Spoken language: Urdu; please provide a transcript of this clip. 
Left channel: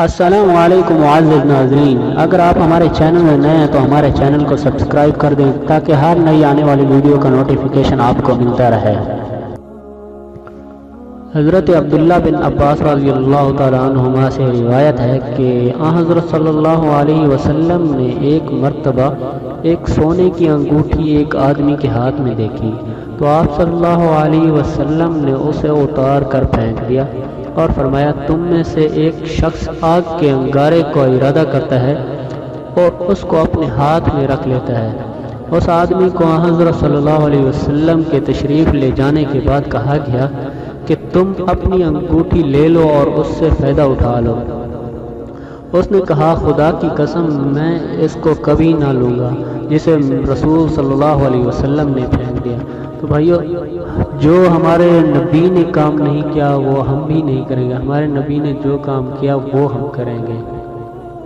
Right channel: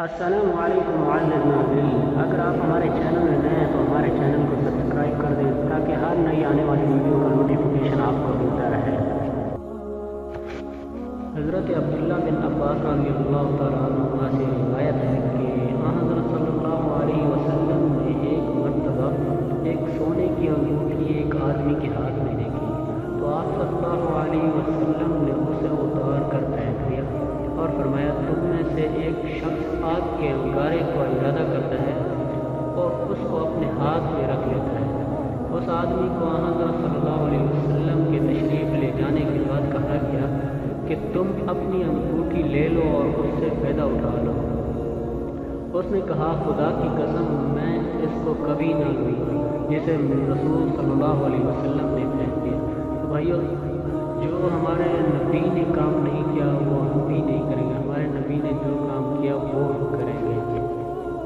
السلام علیکم معزز ناظرین، اگر آپ ہمارے چینل میں نئے ہیں تو ہمارے چینل کو سبسکرائب کر دیں تاکہ ہر نئی آنے والی ویڈیو کا نوٹیفیکیشن آپ کو ملتا رہے۔ حضرت عبداللہ بن عباس رضی اللہ تعالیٰ عنہما سے روایت ہے کہ حضرت صلی اللہ علیہ وسلم نے ایک مرتبہ ایک سونے کی انگوٹھی ایک آدمی کے ہاتھ میں دیکھی تو آپ صلی اللہ علیہ وسلم نے اسے اتار کر پھینک دیا اور فرمایا، تم میں سے ایک شخص آگ کے انگارے کو ارادہ کرتا ہے اور اس کو اپنے ہاتھ میں رکھ لیتا ہے۔ اس آدمی کو حضرت صلی اللہ علیہ وسلم کے تشریف لے جانے کے بعد کہا گیا کہ تم اپنی انگوٹھی لے لو اور اس سے فائدہ اٹھا لو۔ اس نے کہا، خدا کی قسم میں اس کو کبھی نہ لوں گا، جسے رسول صلی اللہ علیہ وسلم نے پھینک دیا۔ تو بھائیو، جو ہمارے نبی نے کام نہیں کیا وہ ہم بھی نہیں کریں گے، ہمارے نبی نے جو کام کیا وہ ہم کریں گے۔